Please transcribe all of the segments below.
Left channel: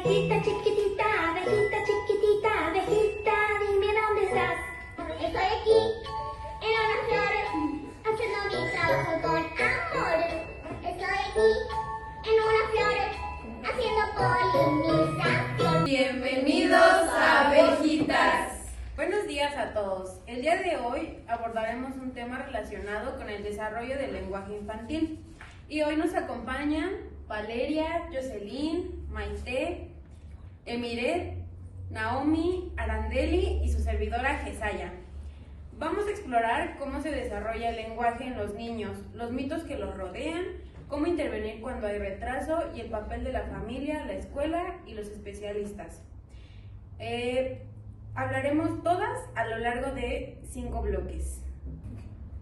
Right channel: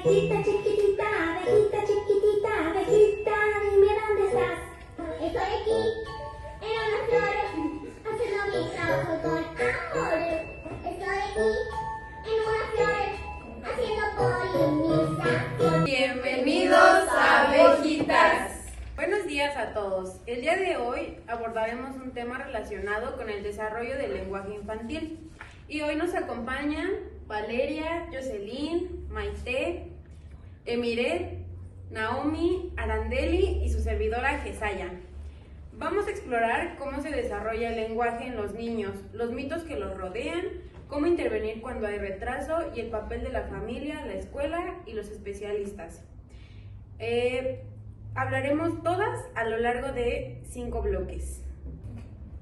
Abejita chiquitita, abejita, dime dónde estás. Estoy aquí, en una flor, haciendo mi trabajo con amor. Estoy aquí, en una flor, haciendo polinización. Bienvenidos a Abejitas. Buenos días a todos. El día de hoy abordaremos un tema relacionado con el desarrollo del lenguaje infantil. Y hoy nos acompañan Valeria, Jocelyn, Maite, Emiret, Naomi, Arandeli y su servidora Jesaya. Vamos a explorar cómo se desarrolla el lenguaje en los niños, los mitos que los rodean, cómo intervenir cuando hay retraso y el papel de la familia, la escuela y los especialistas. Hablaremos todas a lo largo de 5 bloques.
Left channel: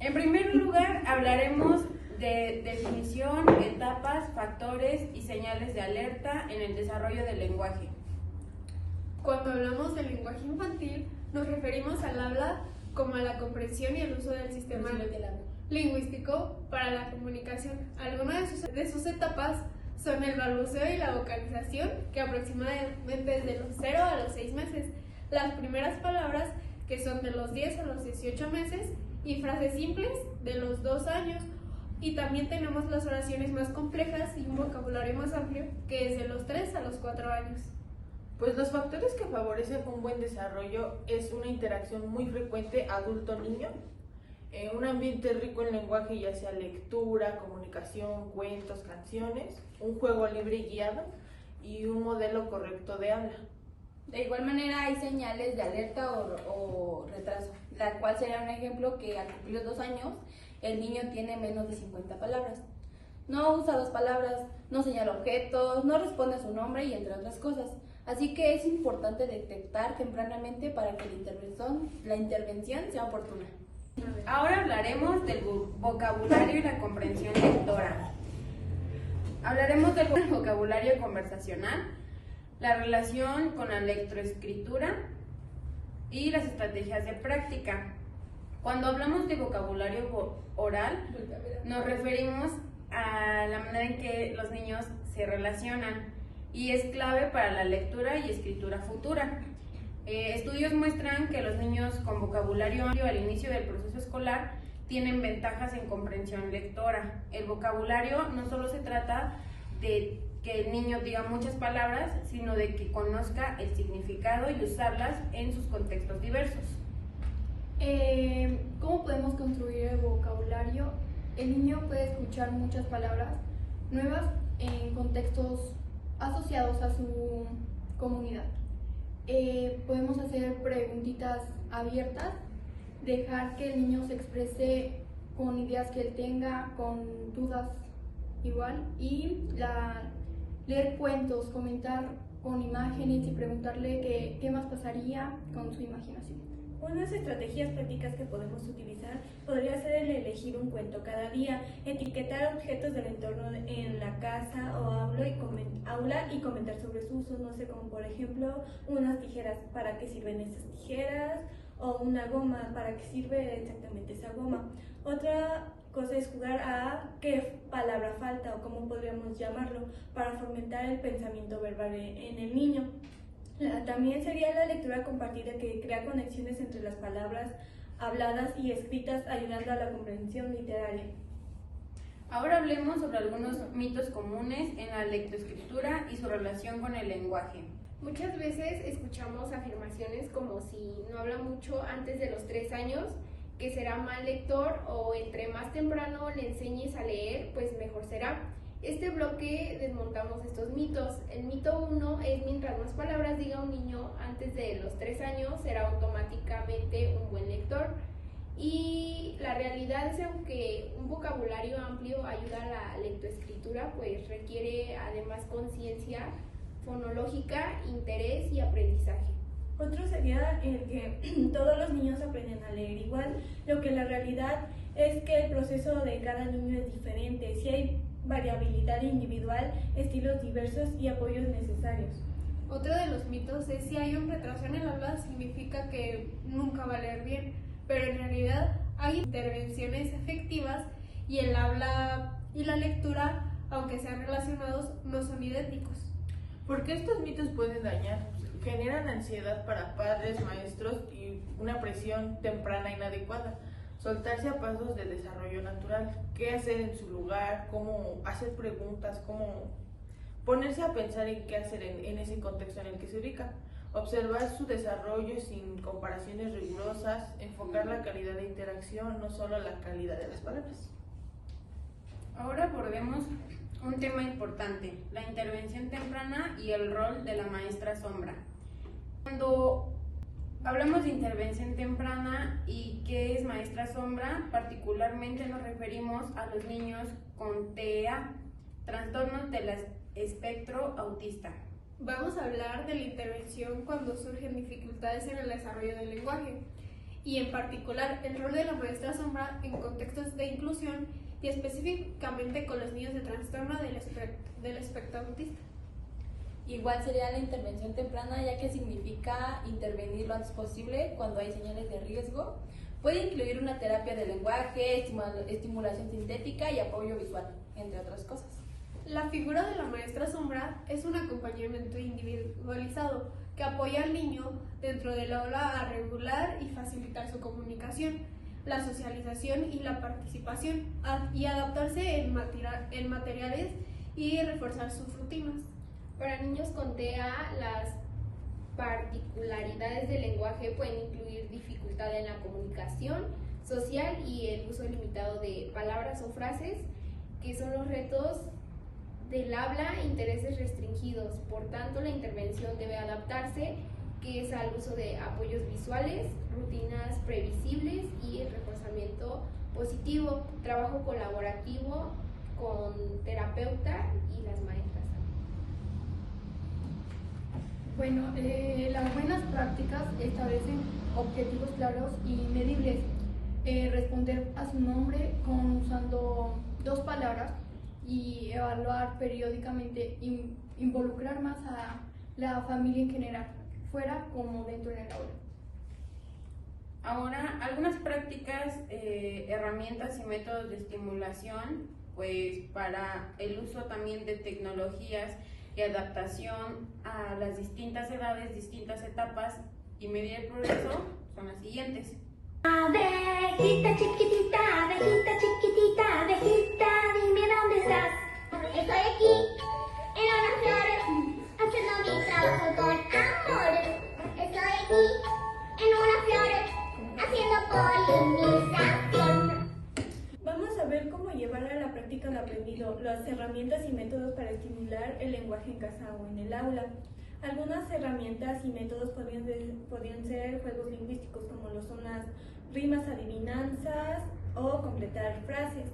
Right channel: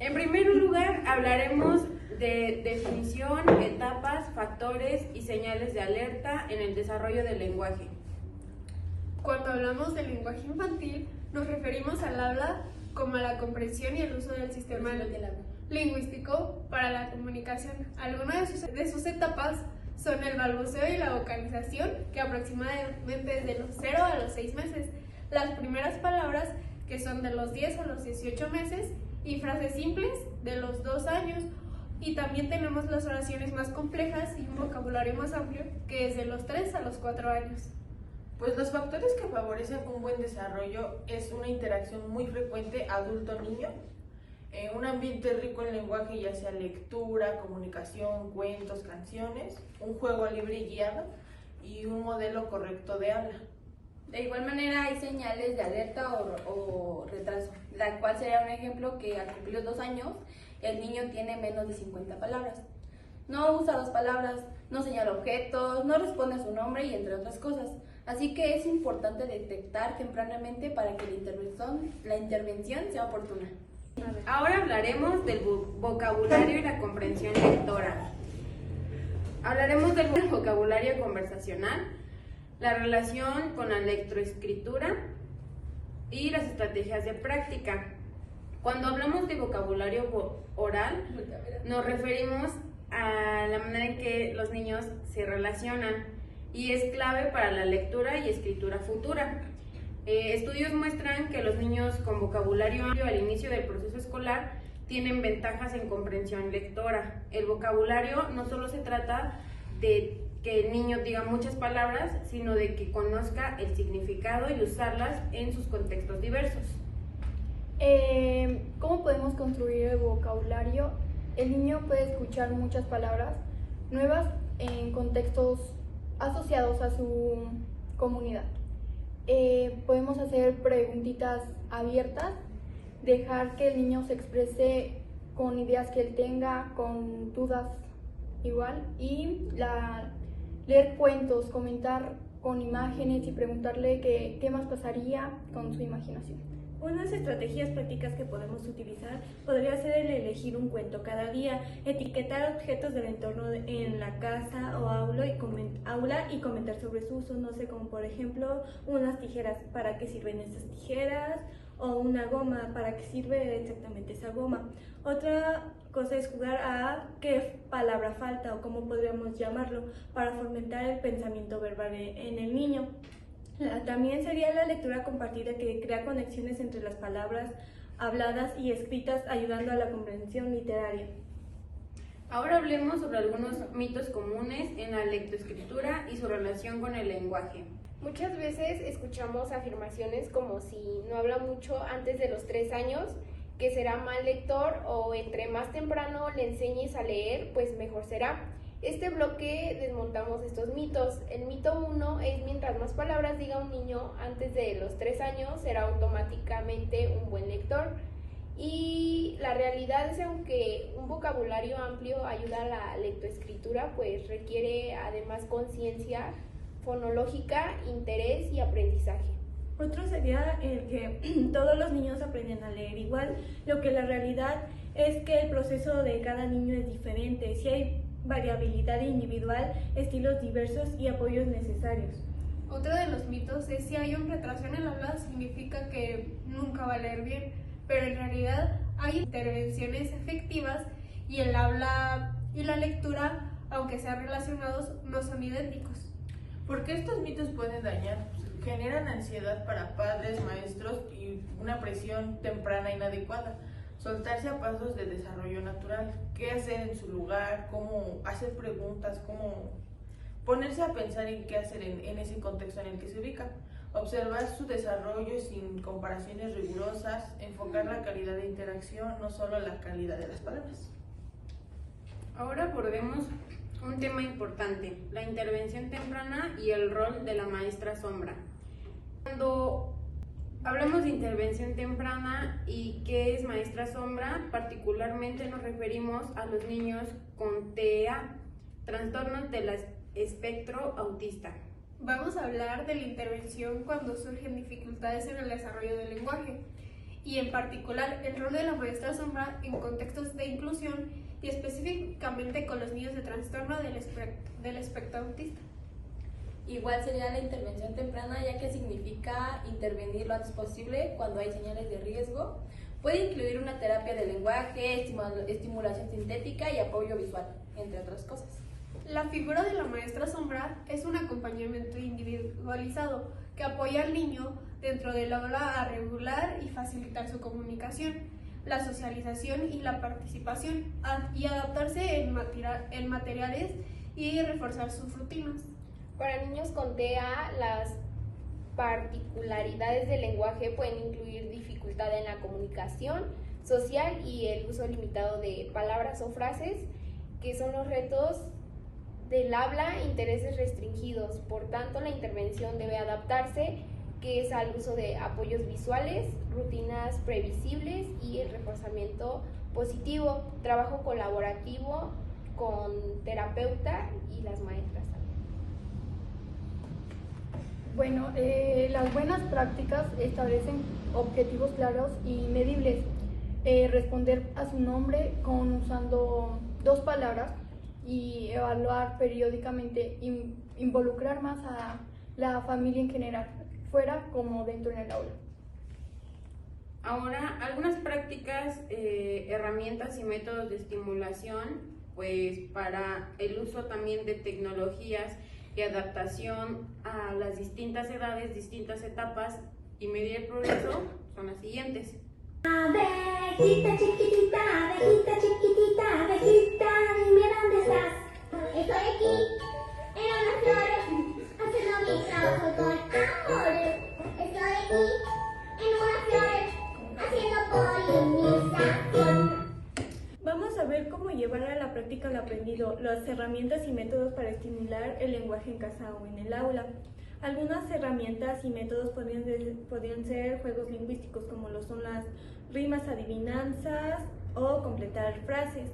En primer lugar, hablaremos de definición, etapas, factores y señales de alerta en el desarrollo del lenguaje. Cuando hablamos del lenguaje infantil, nos referimos al habla como a la comprensión y el uso del sistema lingüístico para la comunicación. Algunas de sus etapas son el balbuceo y la vocalización, que aproximadamente es de los 0 a los 6 meses, las primeras palabras, que son de los 10 a los 18 meses, y frases simples de los 2 años. Y también tenemos las oraciones más complejas y un vocabulario más amplio, que es de los 3 a los 4 años. Pues los factores que favorecen un buen desarrollo es una interacción muy frecuente adulto-niño, un ambiente rico en lenguaje, ya sea lectura, comunicación, cuentos, canciones, un juego libre y guiado y un modelo correcto de habla. De igual manera hay señales de alerta o retraso, la cual sería un ejemplo que al cumplir los 2 años el niño tiene menos de 50 palabras. No usa las palabras, no señala objetos, no responde a su nombre y entre otras cosas. Así que es importante detectar tempranamente para que la intervención sea oportuna. Ahora hablaremos del vocabulario y la comprensión lectora. Hablaremos del vocabulario conversacional, la relación con la lectoescritura y las estrategias de práctica. Cuando hablamos de vocabulario oral, nos referimos a la manera en que los niños se relacionan y es clave para la lectura y escritura futura. Estudios muestran que los niños con vocabulario amplio al inicio del proceso escolar tienen ventajas en comprensión lectora. El vocabulario no solo se trata de que el niño diga muchas palabras, sino de que conozca el significado y usarlas en sus contextos diversos. ¿Cómo podemos construir el vocabulario? El niño puede escuchar muchas palabras nuevas en contextos asociados a su comunidad. Podemos hacer preguntitas abiertas, dejar que el niño se exprese con ideas que él tenga, con dudas igual, y leer cuentos, comentar con imágenes y preguntarle qué más pasaría con su imaginación. Unas estrategias prácticas que podemos utilizar podría ser el elegir un cuento cada día, etiquetar objetos del entorno en la casa o aula y comentar sobre su uso, no sé, como por ejemplo unas tijeras, ¿para qué sirven esas tijeras? O una goma, ¿para qué sirve exactamente esa goma? Otra cosa es jugar a qué palabra falta o cómo podríamos llamarlo para fomentar el pensamiento verbal en el niño. También sería la lectura compartida, que crea conexiones entre las palabras habladas y escritas, ayudando a la comprensión literaria. Ahora hablemos sobre algunos mitos comunes en la lectoescritura y su relación con el lenguaje. Muchas veces escuchamos afirmaciones como si no habla mucho antes de los 3 años, que será mal lector, o entre más temprano le enseñes a leer, pues mejor será. Este bloque desmontamos estos mitos. El mito 1 es: mientras más palabras diga un niño antes de los 3 años, será automáticamente un buen lector. Y la realidad es que aunque un vocabulario amplio ayuda a la lectoescritura, pues requiere además conciencia fonológica, interés y aprendizaje. Otro sería el que todos los niños aprenden a leer igual, lo que la realidad es que el proceso de cada niño es diferente. Si hay variabilidad individual, estilos diversos y apoyos necesarios. Otro de los mitos es: si hay un retraso en el habla, significa que nunca va a leer bien, pero en realidad hay intervenciones efectivas y el habla y la lectura, aunque sean relacionados, no son idénticos. Porque estos mitos pueden dañar, generan ansiedad para padres, maestros y una presión temprana inadecuada. Soltarse a pasos del desarrollo natural, qué hacer en su lugar, cómo hacer preguntas, cómo ponerse a pensar en qué hacer en ese contexto en el que se ubica. Observar su desarrollo sin comparaciones rigurosas, enfocar la calidad de interacción, no solo la calidad de las palabras. Ahora abordemos un tema importante, la intervención temprana y el rol de la maestra sombra. Cuando hablamos de intervención temprana y qué es maestra sombra, particularmente nos referimos a los niños con TEA, trastornos del espectro autista. Vamos a hablar de la intervención cuando surgen dificultades en el desarrollo del lenguaje y en particular el rol de la maestra sombra en contextos de inclusión y específicamente con los niños de trastorno del espectro autista. Igual sería la intervención temprana, ya que significa intervenir lo antes posible cuando hay señales de riesgo. Puede incluir una terapia de lenguaje, estimulación sintética y apoyo visual, entre otras cosas. La figura de la maestra sombra es un acompañamiento individualizado que apoya al niño dentro del aula a regular y facilitar su comunicación, la socialización y la participación, y adaptarse en materiales y reforzar sus rutinas. Para niños con TEA, las particularidades del lenguaje pueden incluir dificultad en la comunicación social y el uso limitado de palabras o frases, que son los retos del habla e intereses restringidos. Por tanto, la intervención debe adaptarse, que es al uso de apoyos visuales, rutinas previsibles y el reforzamiento positivo, trabajo colaborativo con terapeuta y las maestras también. Bueno, las buenas prácticas establecen objetivos claros y medibles. Responder a su nombre usando 2 palabras y evaluar periódicamente, involucrar más a la familia en general, fuera como dentro del aula. Ahora, algunas prácticas, herramientas y métodos de estimulación, pues para el uso también de tecnologías y adaptación a las distintas edades, distintas etapas y medir el progreso son las siguientes. Abejita chiquitita, dime dónde estás. Estoy aquí, en una flor, haciendo mi trabajo con amor. Estoy aquí, en una flor, haciendo polinización. Vamos a ver cómo llevar a la práctica lo aprendido, las herramientas y métodos para estimular el lenguaje en casa o en el aula. Algunas herramientas y métodos podrían ser juegos lingüísticos, como lo son las rimas, adivinanzas o completar frases.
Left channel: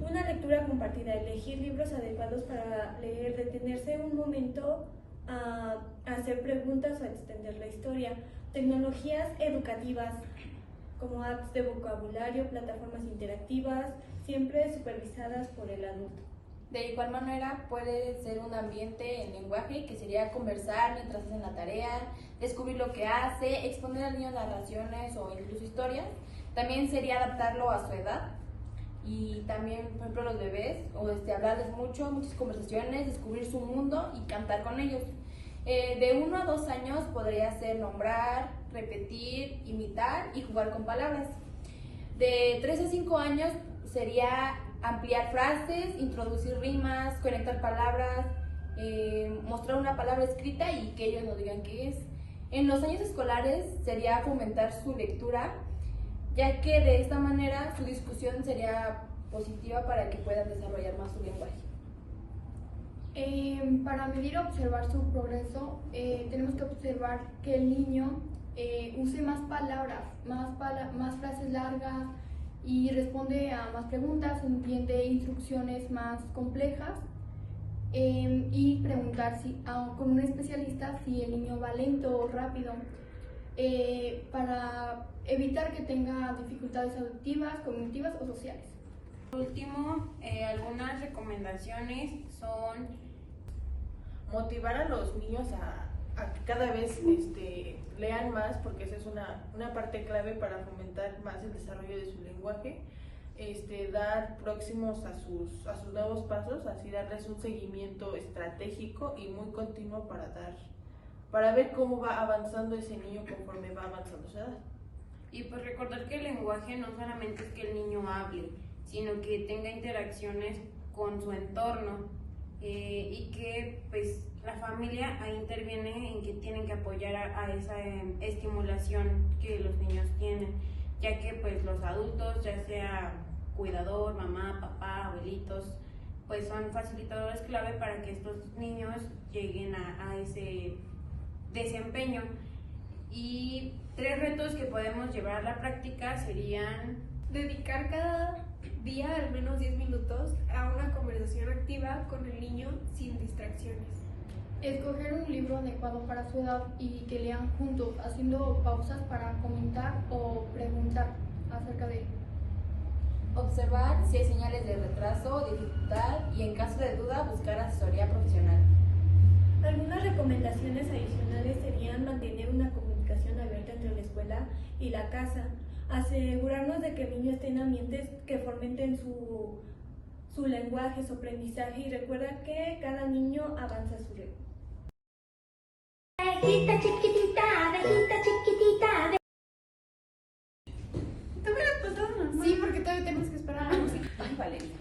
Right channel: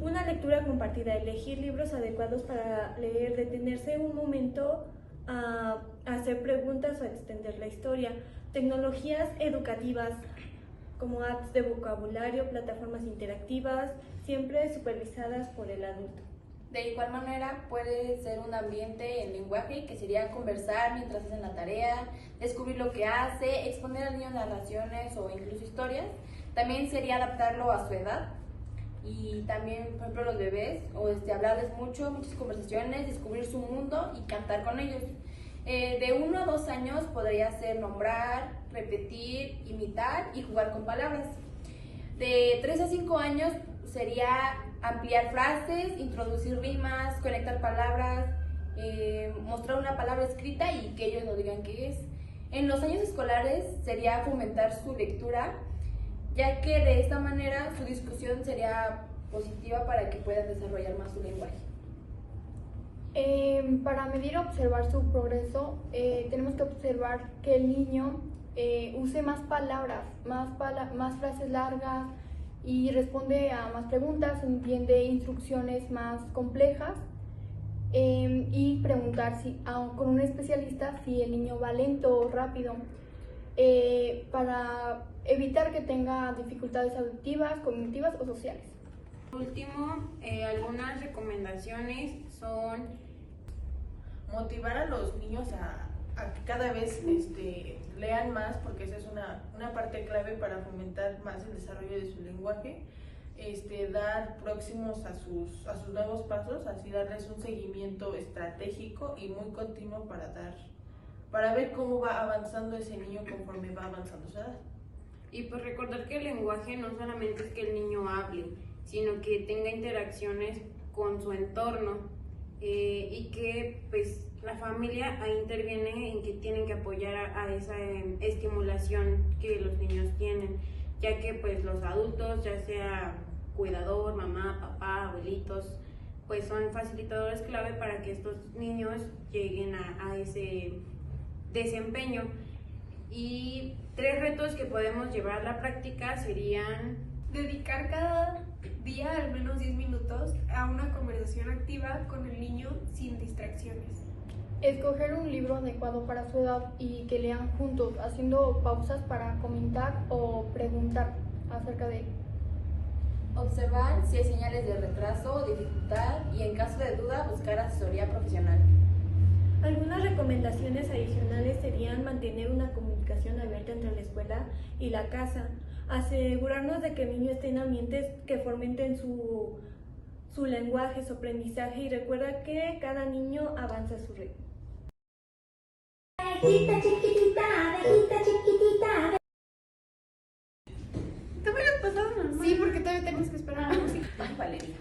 Una lectura compartida, elegir libros adecuados para leer, detenerse un momento a hacer preguntas o extender la historia. Tecnologías educativas, como apps de vocabulario, plataformas interactivas, siempre supervisadas por el adulto. De igual manera puede ser un ambiente en lenguaje, que sería conversar mientras hacen la tarea, descubrir lo que hace, exponer al niño narraciones o incluso historias. También sería adaptarlo a su edad y también, por ejemplo, los bebés, hablarles muchas conversaciones, descubrir su mundo y cantar con ellos. De 1 a 2 años podría ser nombrar, repetir, imitar y jugar con palabras. De 3 a 5 años sería ampliar frases, introducir rimas, conectar palabras, mostrar una palabra escrita y que ellos nos digan qué es. En los años escolares sería fomentar su lectura, ya que de esta manera su discusión sería positiva para que puedan desarrollar más su lenguaje. Para medir o observar su progreso, tenemos que observar que el niño use más palabras, más frases largas y responde a más preguntas, entiende instrucciones más complejas, y preguntar con un especialista si el niño va lento o rápido, para evitar que tenga dificultades auditivas, cognitivas o sociales. Por último, algunas recomendaciones son motivar a los niños a que cada vez lean más, porque esa es una parte clave para fomentar más el desarrollo de su lenguaje. dar próximos a sus nuevos pasos, así darles un seguimiento estratégico y muy continuo para ver cómo va avanzando ese niño conforme va avanzando su edad. Y pues recordar que el lenguaje no solamente es que el niño hable, sino que tenga interacciones con su entorno, y que pues la familia ahí interviene en que tienen que apoyar a esa estimulación que los niños tienen, ya que pues los adultos, ya sea cuidador, mamá, papá, abuelitos, pues son facilitadores clave para que estos niños lleguen a ese desempeño. Y 3 retos que podemos llevar a la práctica serían: dedicar cada día al menos 10 minutos a una conversación activa con el niño sin distracciones. Escoger un libro adecuado para su edad y que lean juntos, haciendo pausas para comentar o preguntar acerca de él. Observar si hay señales de retraso, dificultad y en caso de duda buscar asesoría profesional. Algunas recomendaciones adicionales serían mantener una comunicación abierta entre la escuela y la casa, asegurarnos de que el niño esté en ambientes que fomenten su lenguaje, su aprendizaje, y recuerda que cada niño avanza a su ritmo. Abejita chiquitita, abejita chiquitita. ¿Tú me las pasas normal? Sí, porque todavía tenemos que esperar a la música. Ay, Valeria.